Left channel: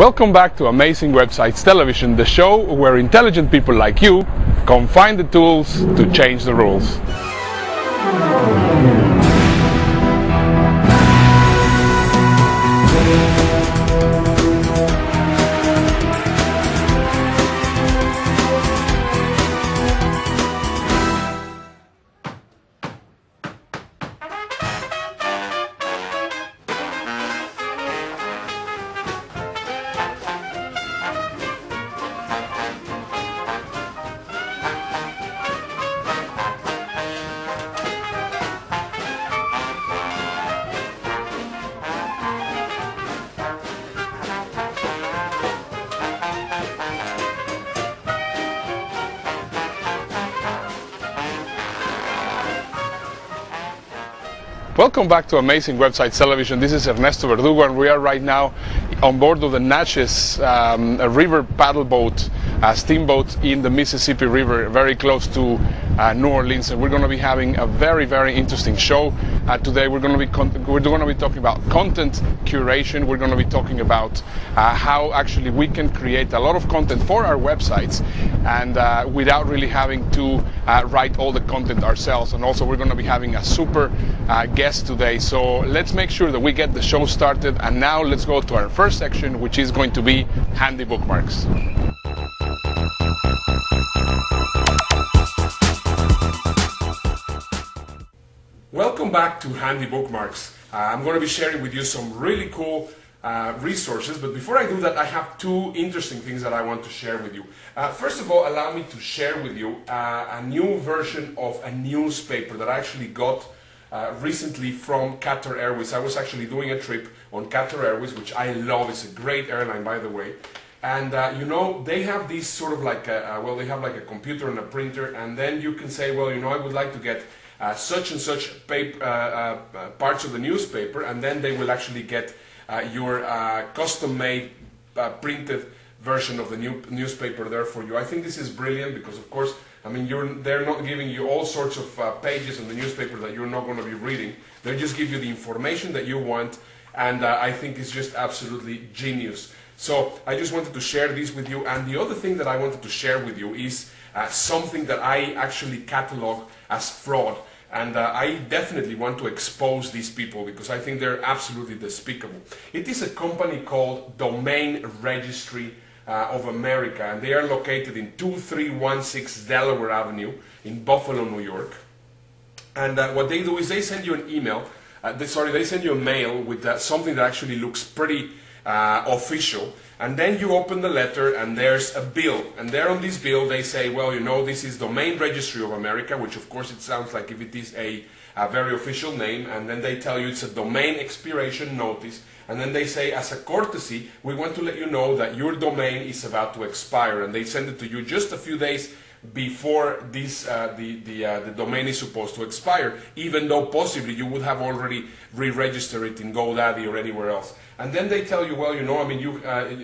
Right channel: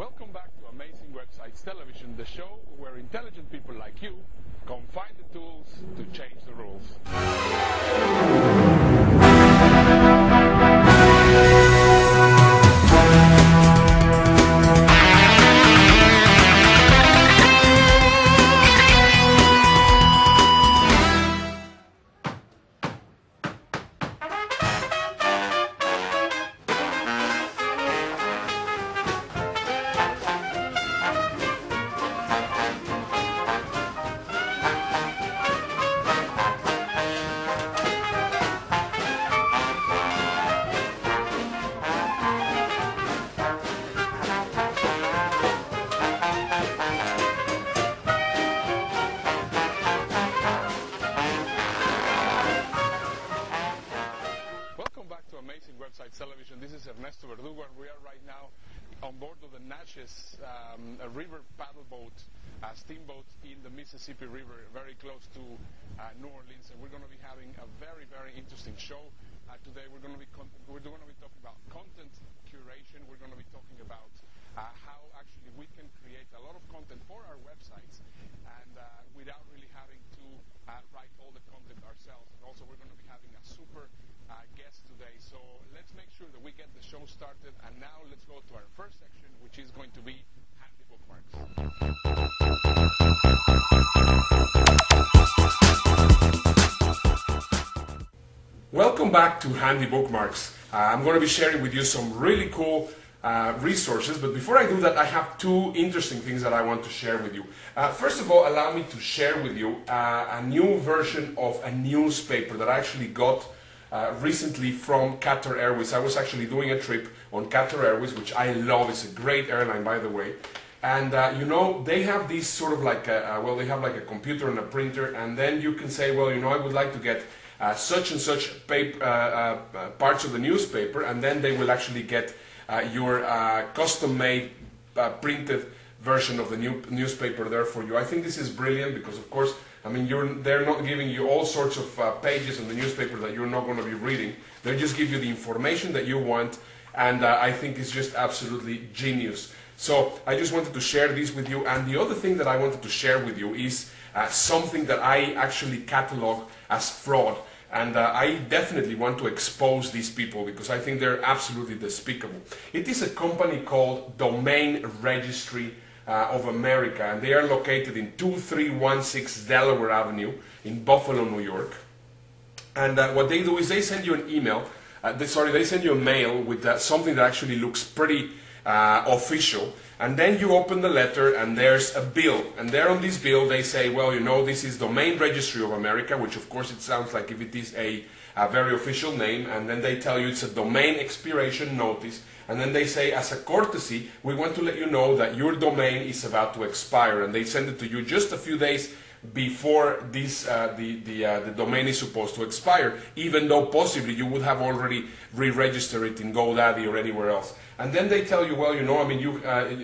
Welcome back to Amazing Websites Television, the show where intelligent people like you come find the tools to change the rules. Welcome back to Amazing Websites Television. This is Ernesto Verdugo, and we are right now on board of the Natchez river paddle boat, steamboat in the Mississippi River, very close to New Orleans. And we're going to be having a very, very interesting show today. We're going to be talking about content curation. We're going to be talking about how actually we can create a lot of content for our websites and without really having to write all the content ourselves. And also we're going to be having a super guest today. So let's make sure that we get the show started. And now let's go to our first section, which is going to be handy bookmarks. Welcome back to Handy Bookmarks. I'm going to be sharing with you some really cool resources, but before I do that, I have two interesting things that I want to share with you. First of all, allow me to share with you a new version of a newspaper that I actually got recently from Qatar Airways. I was actually doing a trip on Qatar Airways, which I love. It's a great airline, by the way. And you know, they have these sort of like well, they have like a computer and a printer, and then you can say, well, you know, I would like to get such and such paper, parts of the newspaper, and then they will actually get your custom-made printed version of the newspaper there for you. I think this is brilliant because, of course, I mean, they're not giving you all sorts of pages in the newspaper that you're not going to be reading. They just give you the information that you want, and I think it's just absolutely genius. So I just wanted to share this with you. And the other thing that I wanted to share with you is something that I actually catalog as fraud. And I definitely want to expose these people because I think they're absolutely despicable. It is a company called Domain Registry of America, and they are located in 2316 Delaware Avenue in Buffalo, New York. And what they do is they send you an email, they send you a mail with something that actually looks pretty official, and then you open the letter and there's a bill, and there on this bill they say, well, you know, this is Domain Registry of America, which of course it sounds like if it is a very official name, and then they tell you it's a domain expiration notice, and then they say, as a courtesy, we want to let you know that your domain is about to expire, and they send it to you just a few days before this the domain is supposed to expire, even though possibly you would have already re-registered it in GoDaddy or anywhere else. And then they tell you, well, you know, I mean, you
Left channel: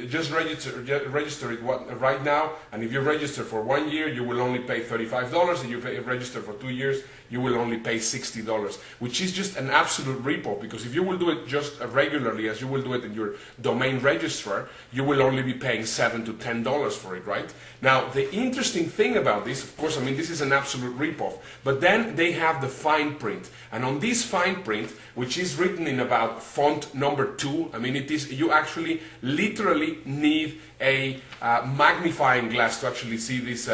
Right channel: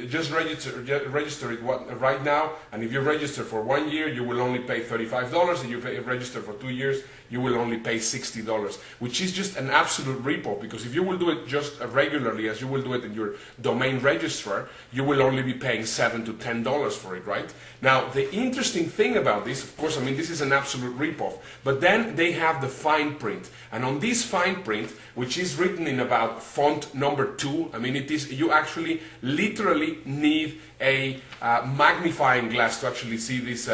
just register it right now, and if you register for 1 year, you will only pay $35, and if you register for 2 years, you will only pay $60, which is just an absolute ripoff, because if you will do it just regularly as you will do it in your domain registrar, you will only be paying $7 to $10 for it, right? Now, the interesting thing about this, of course, I mean, this is an absolute ripoff, but then they have the fine print, and on this fine print, which is written in about font number 2, I mean, it is, you actually literally need a magnifying glass to actually see this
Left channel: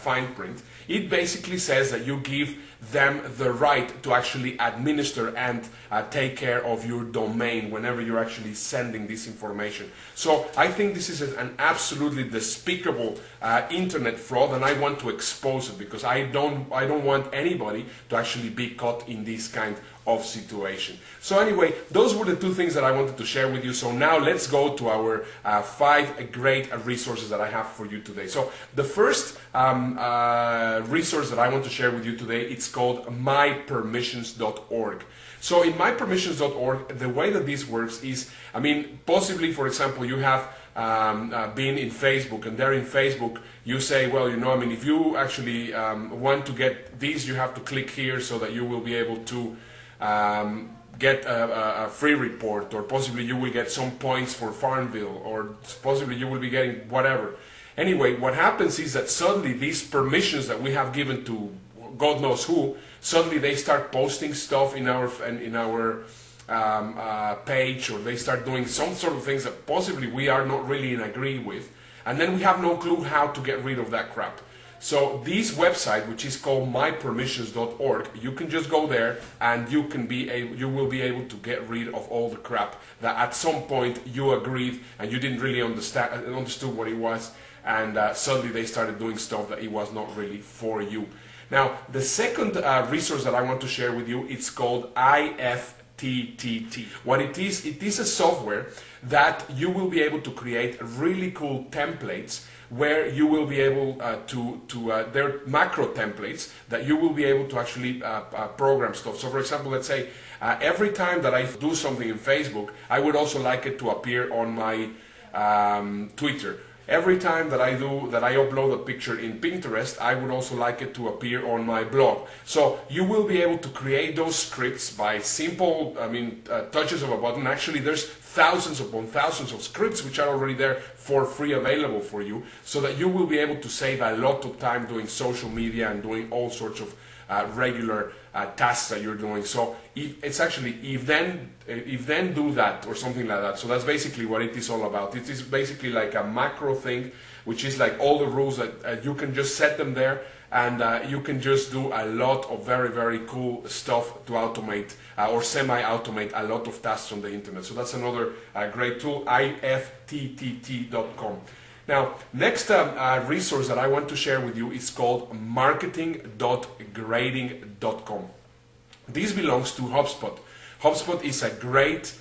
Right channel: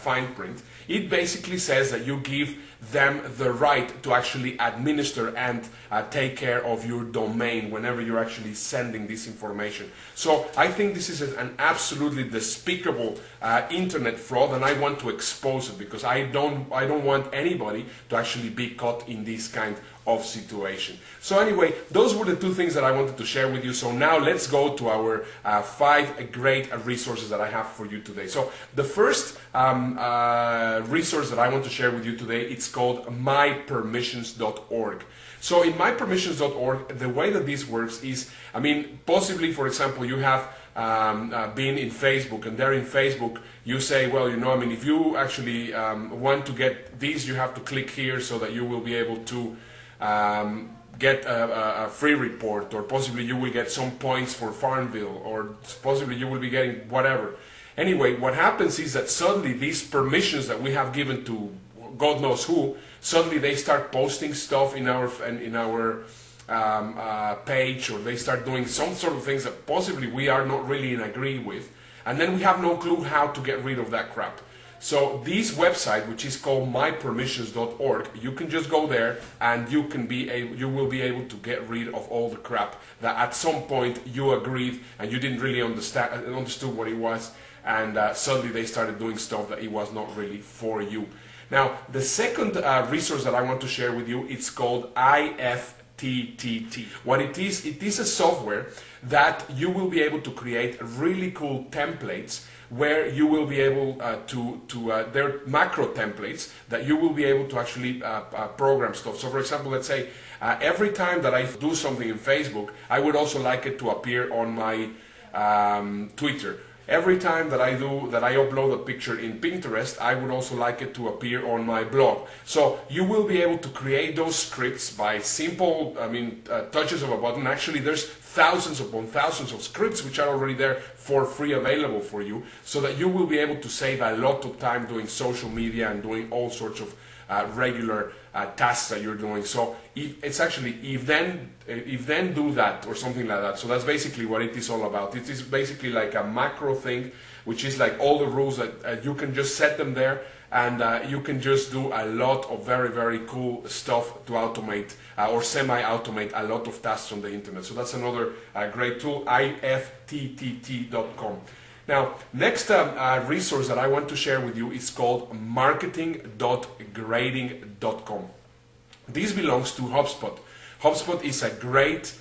fine print. It basically says that you give them the right to actually administer and take care of your domain whenever you're actually sending this information. So I think this is an absolutely despicable internet fraud, and I want to expose it because I don't want anybody to actually be caught in this kind of situation. So anyway, those were the two things that I wanted to share with you. So now let's go to our 5 great resources that I have for you today. So the first resource that I want to share with you today, it's called mypermissions.org. So in mypermissions.org, the way that this works is, I mean, possibly, for example, you have been in Facebook, and there in Facebook you say, well, you know, I mean, if you actually want to get these, you have to click here so that you will be able to get a free report, or possibly you will get some points for Farmville, or possibly you will be getting whatever. Anyway, what happens is that suddenly these permissions that we have given to God knows who, suddenly they start posting stuff in our page, or they start doing some sort of things that possibly we are not really in agree with, and then we have no clue how to get rid of that crap. So this website, which is called mypermissions.org, you can just go there and you will be able to get rid of all the crap that at some point you agreed and you didn't really understood what it was, and suddenly they started doing stuff that it was not really for you. Now, the second resource that I want to share with you, it's called IFTTT. What it is a software that you will be able to create really cool templates, where you will be able they're macro templates that you will be able to actually program stuff. So for example, let's say every time that I do something in Facebook, I would also like it to appear on my Twitter. Every time that I upload a picture in Pinterest, I would also like it to appear on my blog. So you will be able to create those scripts by simple, touches of a button. Actually, there's thousands upon thousands of scripts which are already there for free, available for you, so that you will be able to save a lot of time doing social media and doing all sorts of regular tasks that you're doing. So if then do that, or something like that. So that's basically what it is all about. It is basically like a macro thing, which is like all the rules that you can just set them there, and you can just do a lot of very, very cool stuff to automate or semi-automate a lot of tasks on the internet. So that's another great tool, IFTTT.com. Now, next resource that I want to share with you is called marketing.grading.com. This belongs to HubSpot. HubSpot is a great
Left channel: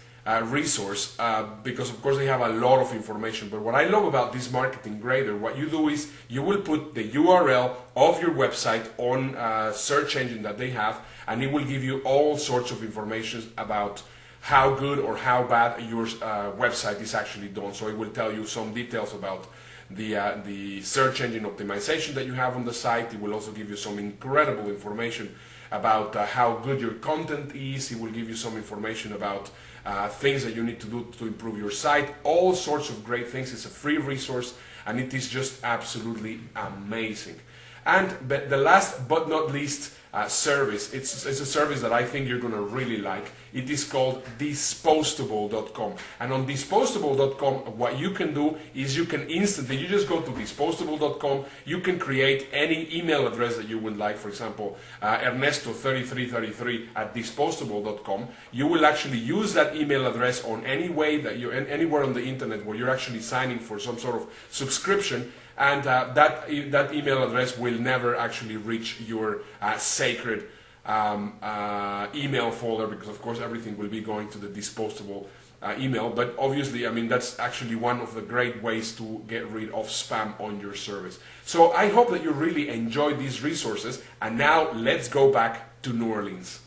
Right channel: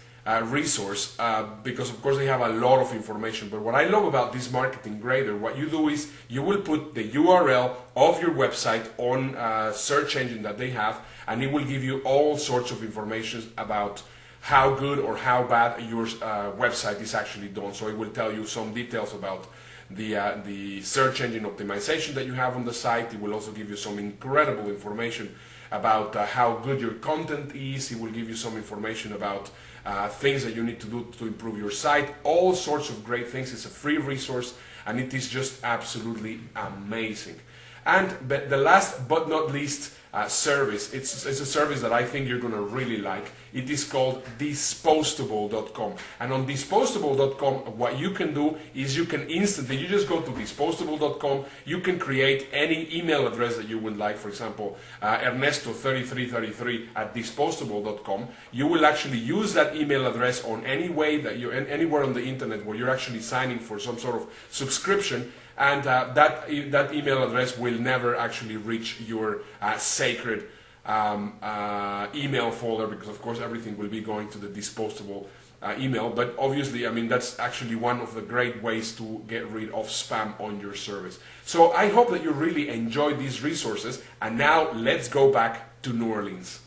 resource because of course they have a lot of information, but what I love about this marketing grader, what you do is you will put the URL of your website on a search engine that they have, and it will give you all sorts of information about how good or how bad your website is actually done. So it will tell you some details about the search engine optimization that you have on the site. It will also give you some incredible information about how good your content is. It will give you some information about things that you need to do to improve your site. All sorts of great things. It's a free resource, and it is just absolutely amazing. And the last but not least service, it's a service that I think you're going to really like. It is called Disposable.com. And on Disposable.com, what you can do is you can instantly, you just go to Disposable.com, you can create any email address that you would like. For example, Ernesto3333 at Disposable.com. You will actually use that email address on any way that you're anywhere on the internet where you're actually signing for some sort of subscription, and that email address will never actually reach your sacred email folder, because of course everything will be going to the Disposable email. But obviously, I mean, that's actually one of the great ways to get rid of spam on your service. So I hope that you really enjoyed these resources, and now let's go back to New Orleans.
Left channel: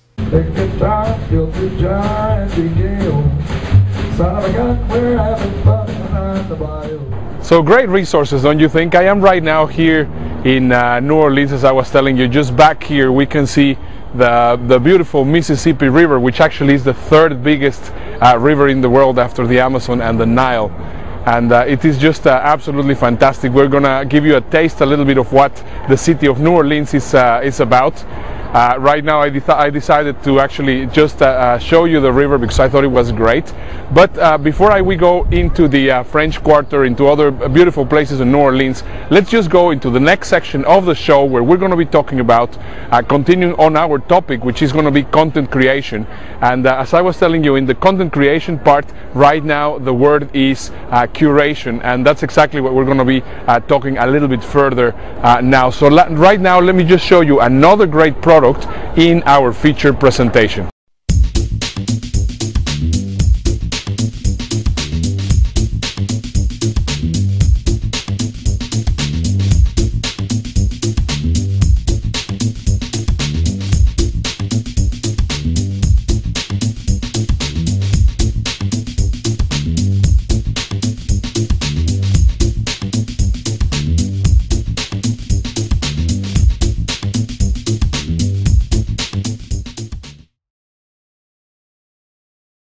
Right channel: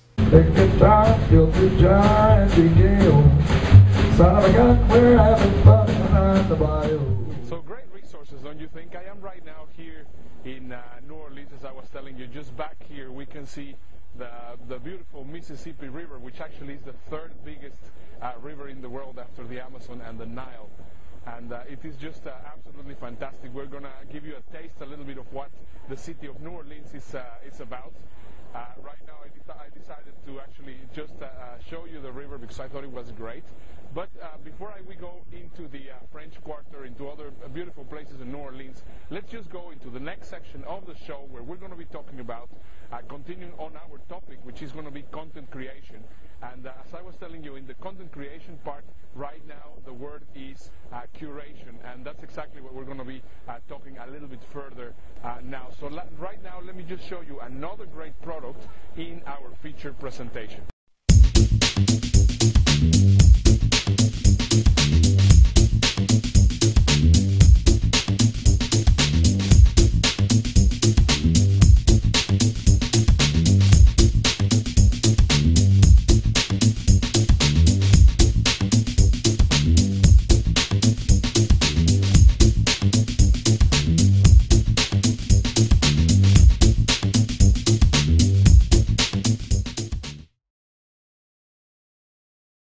So great resources, don't you think? I am right now here in New Orleans, as I was telling you. Just back here we can see the beautiful Mississippi River, which actually is the third biggest river in the world after the Amazon and the Nile. And it is just absolutely fantastic. We're gonna give you a taste, a little bit of what the city of New Orleans is about. Right now I decided to actually just show you the river because I thought it was great. But before we go into the French Quarter, into other beautiful places in New Orleans, let's just go into the next section of the show, where we're going to be talking about continuing on our topic, which is going to be content creation. And as I was telling you, in the content creation part, right now the word is curation, and that's exactly what we're going to be talking a little bit further now. So right now let me just show you another great product in our featured presentation.